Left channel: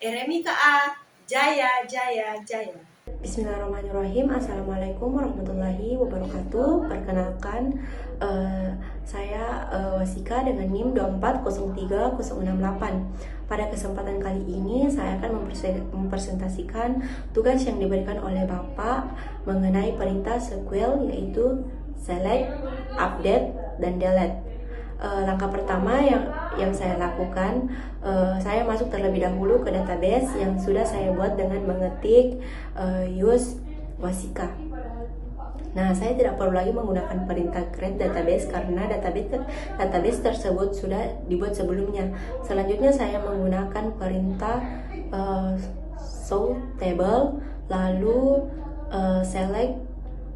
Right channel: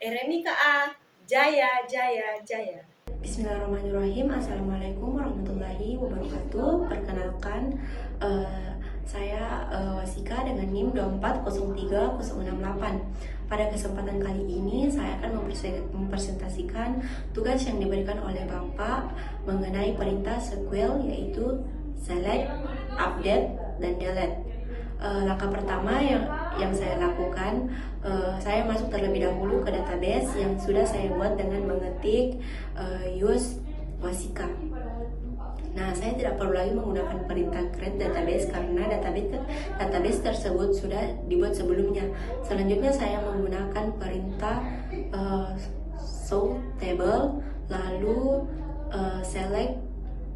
Eremika A, Jaya, Jaya, Jaya. Bismillahirrahmanirrahim. Assalamualaikum warahmatullahi wabarakatuh. Perkenalkan, saya Wasika dengan NIM 2403068. Pada kesempatan kali ini saya akan mempresentasikan tugas yang diberikan oleh Bapak mengenai perintah SQL, yaitu select, update, dan delete. Langkah pertama yang saya lakukan, saya masuk terlebih dahulu ke database yang sudah saya buat dengan mengetik use Wasika. Nah, saya tidak perlu lagi menggunakan perintah create database karena database tersebut sudah dibuat sebelumnya. Selanjutnya saya menggunakan perintah show table, lalu select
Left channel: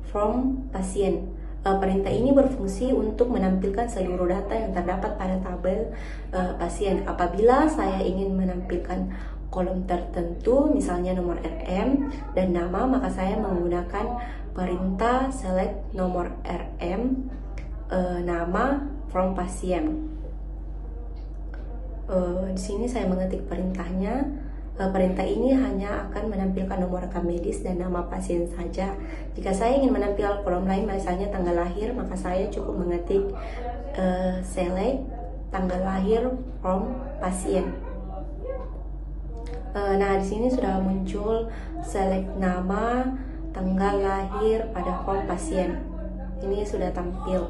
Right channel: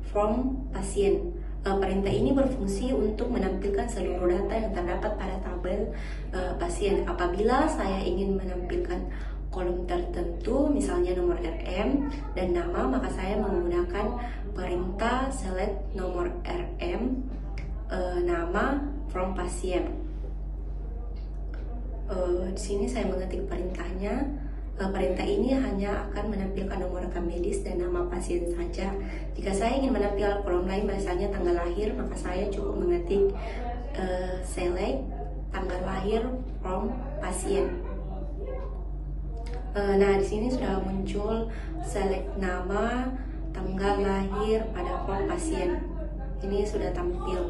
from pasien. Perintah ini berfungsi untuk menampilkan seluruh data yang terdapat pada tabel pasien. Apabila saya ingin menampilkan kolom tertentu, misalnya nomor RM dan nama, maka saya menggunakan perintah select nomor RM, nama from pasien. Di sini saya mengetik perintahnya. Perintah ini hanya akan menampilkan nomor rekam medis dan nama pasien saja. Jika saya ingin menampilkan kolom lain, misalnya tanggal lahir, maka saya cukup mengetik select tanggal lahir from pasien. Nah, di sini sudah muncul select nama, tanggal lahir pada form pasien. Ini sudah tampil.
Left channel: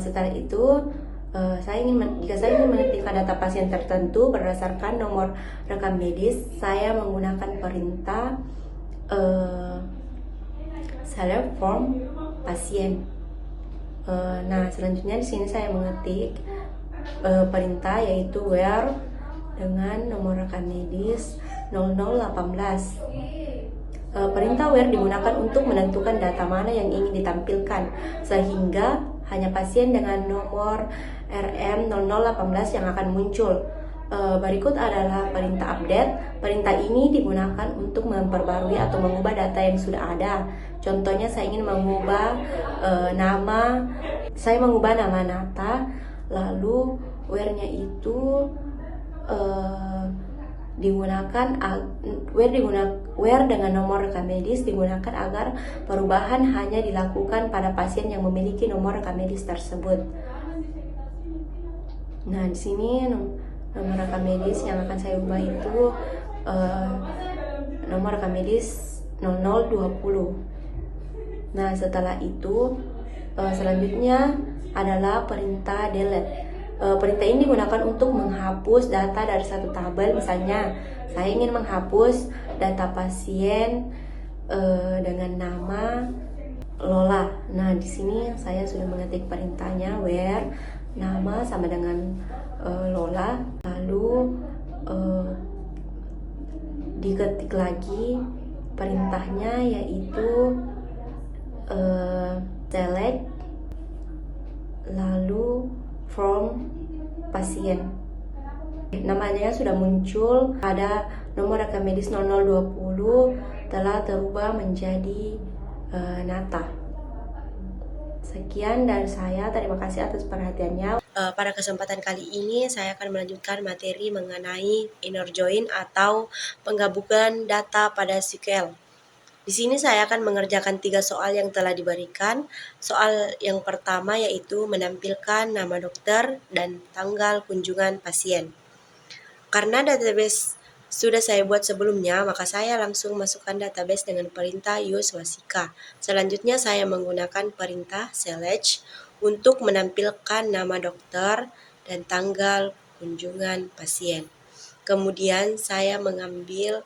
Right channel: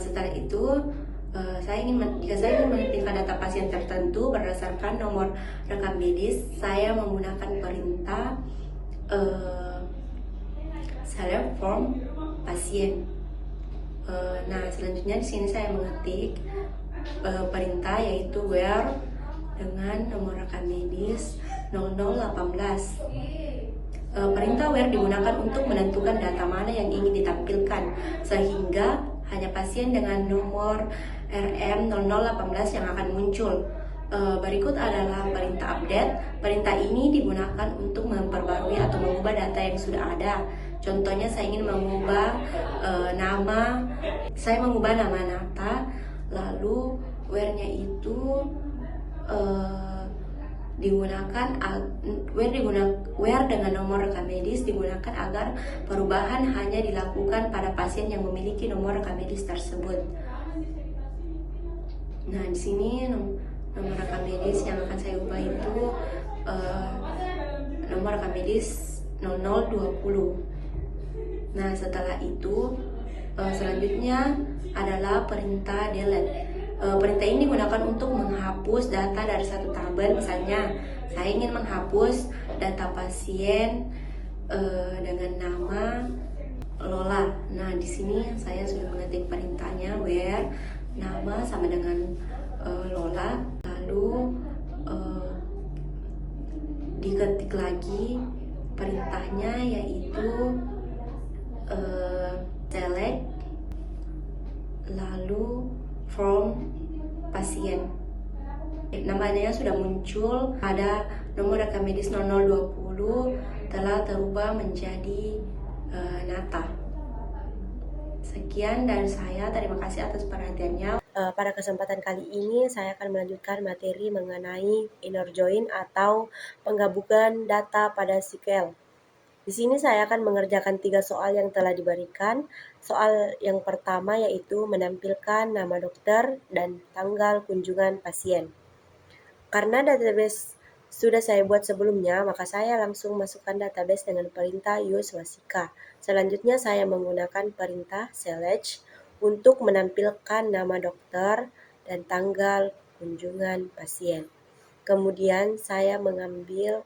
Setelah itu, jika saya ingin menampilkan data pasien tertentu berdasarkan nomor rekam medis, saya menggunakan perintah select form pasien. Nah, selanjutnya di sini saya mengetik perintah yaitu where dengan nomor rekam medis 0018. Perintah where digunakan untuk menentukan data mana yang ingin ditampilkan, sehingga hanya pasien dengan nomor RM 0018 yang akan muncul. Berikut adalah perintah update. Perintah ini digunakan untuk memperbarui atau mengubah data yang sudah ada. Contohnya, saya ingin mengubah nama Nata, lalu where-nya itu where dengan nomor rekam medis digunakan agar perubahan hanya dilakukan pada pasien yang memiliki nomor rekam medis tersebut. Nah, di sini nomor rekam medis yang akan saya ubah itu nomor rekam medis 0020. Nah, setelah itu selanjutnya adalah perintah delete. Perintah ini digunakan untuk menghapus data dari satu tabel. Misalnya, saya ingin menghapus data pasien dengan nama Lola. Nah, di sini saya sudah mengetik perintahnya where nama sama dengan Lola, lalu diketik lagi perintahnya yaitu select lalu from pasien. Namanya sudah muncul, ada nomor rekam medis 0020 telah terubah menjadi Nata. Sekian dari saya, terima kasih atas perhatiannya. Pada kesempatan kali ini saya akan melanjutkan materi mengenai inner join atau penggabungan data pada SQL. Di sini saya akan mengerjakan 3 soal yang telah diberikan. Soal yang pertama yaitu menampilkan nama dokter dan tanggal kunjungan pasien. Karena database sudah saya buat sebelumnya, maka saya langsung masukkan database dengan perintah use Wasika. Selanjutnya saya menggunakan perintah select untuk menampilkan nama dokter dan tanggal kunjungan pasien. Kemudian saya mengambil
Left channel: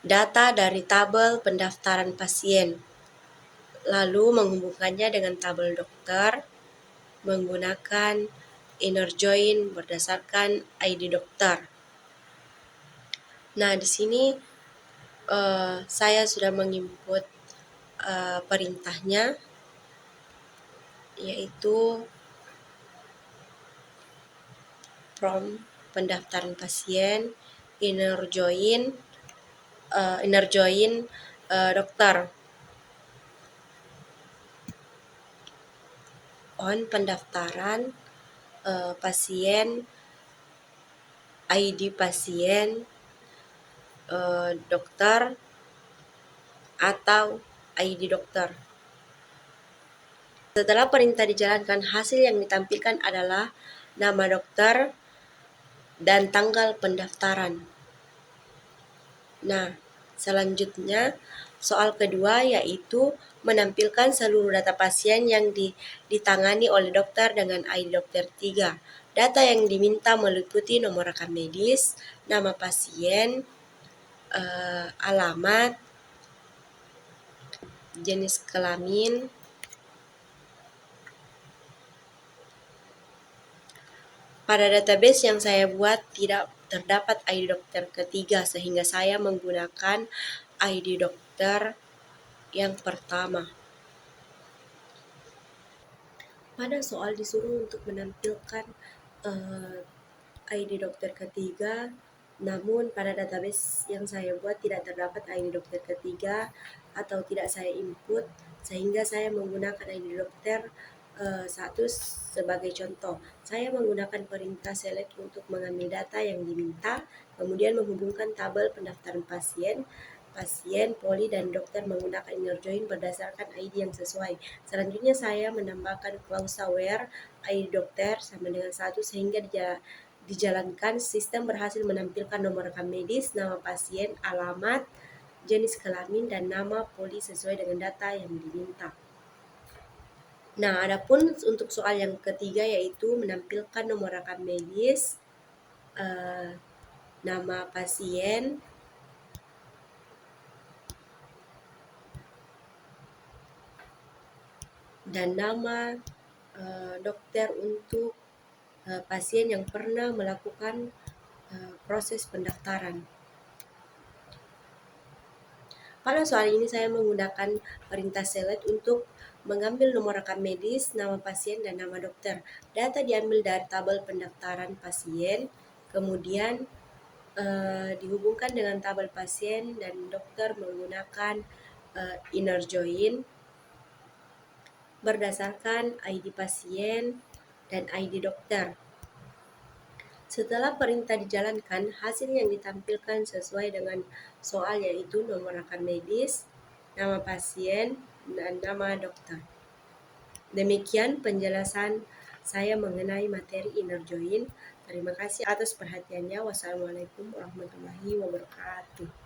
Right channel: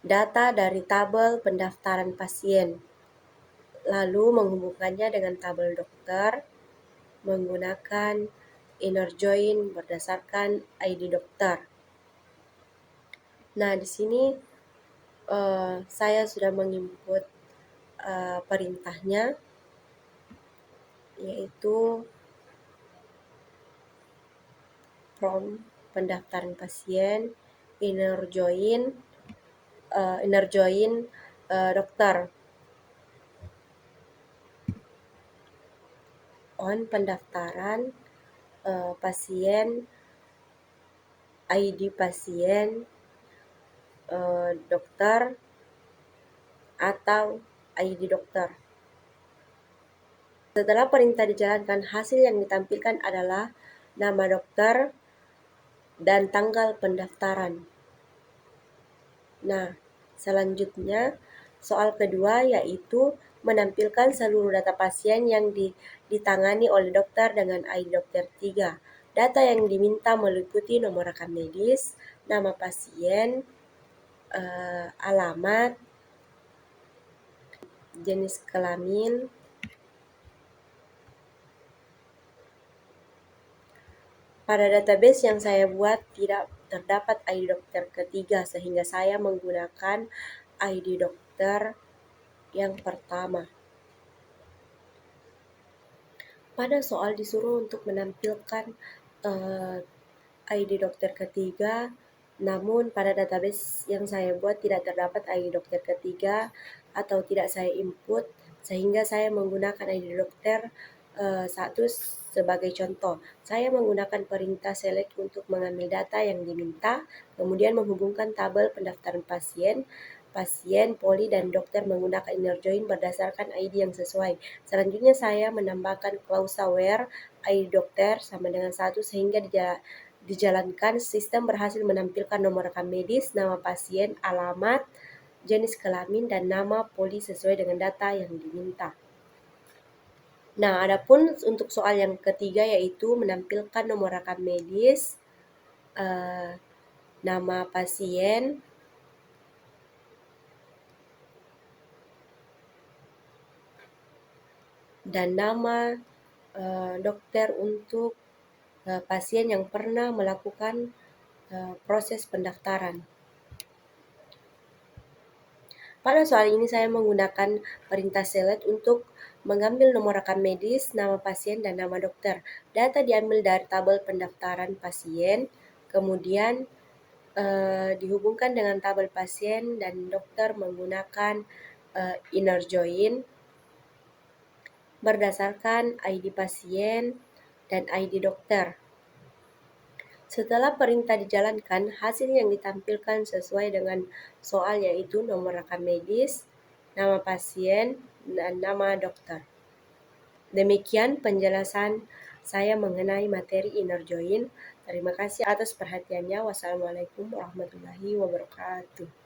data dari tabel pendaftaran pasien, lalu menghubungkannya dengan tabel dokter menggunakan inner join berdasarkan ID dokter. Nah, di sini saya sudah menginput perintahnya, yaitu from pendaftaran pasien inner join dokter on pendaftaran pasien ID pasien, dokter, atau ID dokter. Setelah perintah dijalankan, hasil yang ditampilkan adalah nama dokter dan tanggal pendaftaran. Nah, selanjutnya soal kedua yaitu menampilkan seluruh data pasien yang ditangani oleh dokter dengan ID dokter 3. Data yang diminta meliputi nomor rekam medis, nama pasien, alamat, jenis kelamin, pada database yang saya buat tidak terdapat ID dokter ketiga sehingga saya menggunakan ID dokter yang pertama. Pada soal disuruh untuk menampilkan ID dokter ketiga, namun pada database yang saya buat tidak terdapat ID dokter ketiga atau tidak saya input, sehingga saya menggunakan ID dokter satu sebagai contoh. Saya menggunakan perintah select untuk mengambil data yang diminta, kemudian menghubungkan tabel pendaftaran pasien, poli, dan dokter menggunakan inner join berdasarkan ID yang sesuai. Selanjutnya saya menambahkan klausa where ID dokter sama dengan 1 sehingga dijalankan. Sistem berhasil menampilkan nomor rekam medis, nama pasien, alamat, jenis kelamin, dan nama poli sesuai dengan data yang diminta. Nah, adapun untuk soal yang ketiga yaitu menampilkan nomor rekam medis, nama pasien, dan nama dokter untuk pasien yang pernah melakukan proses pendaftaran. Pada soal ini saya menggunakan perintah select untuk mengambil nomor rekam medis, nama pasien, dan nama dokter. Data diambil dari tabel pendaftaran pasien, kemudian dihubungkan dengan tabel pasien dan dokter menggunakan inner join berdasarkan ID pasien dan ID dokter. Setelah perintah dijalankan, hasil yang ditampilkan sesuai dengan soal yaitu nomor rekam medis, nama pasien, dan nama dokter. Demikian penjelasan saya mengenai materi inner join. Terima kasih atas perhatiannya. Wassalamualaikum warahmatullahi wabarakatuh.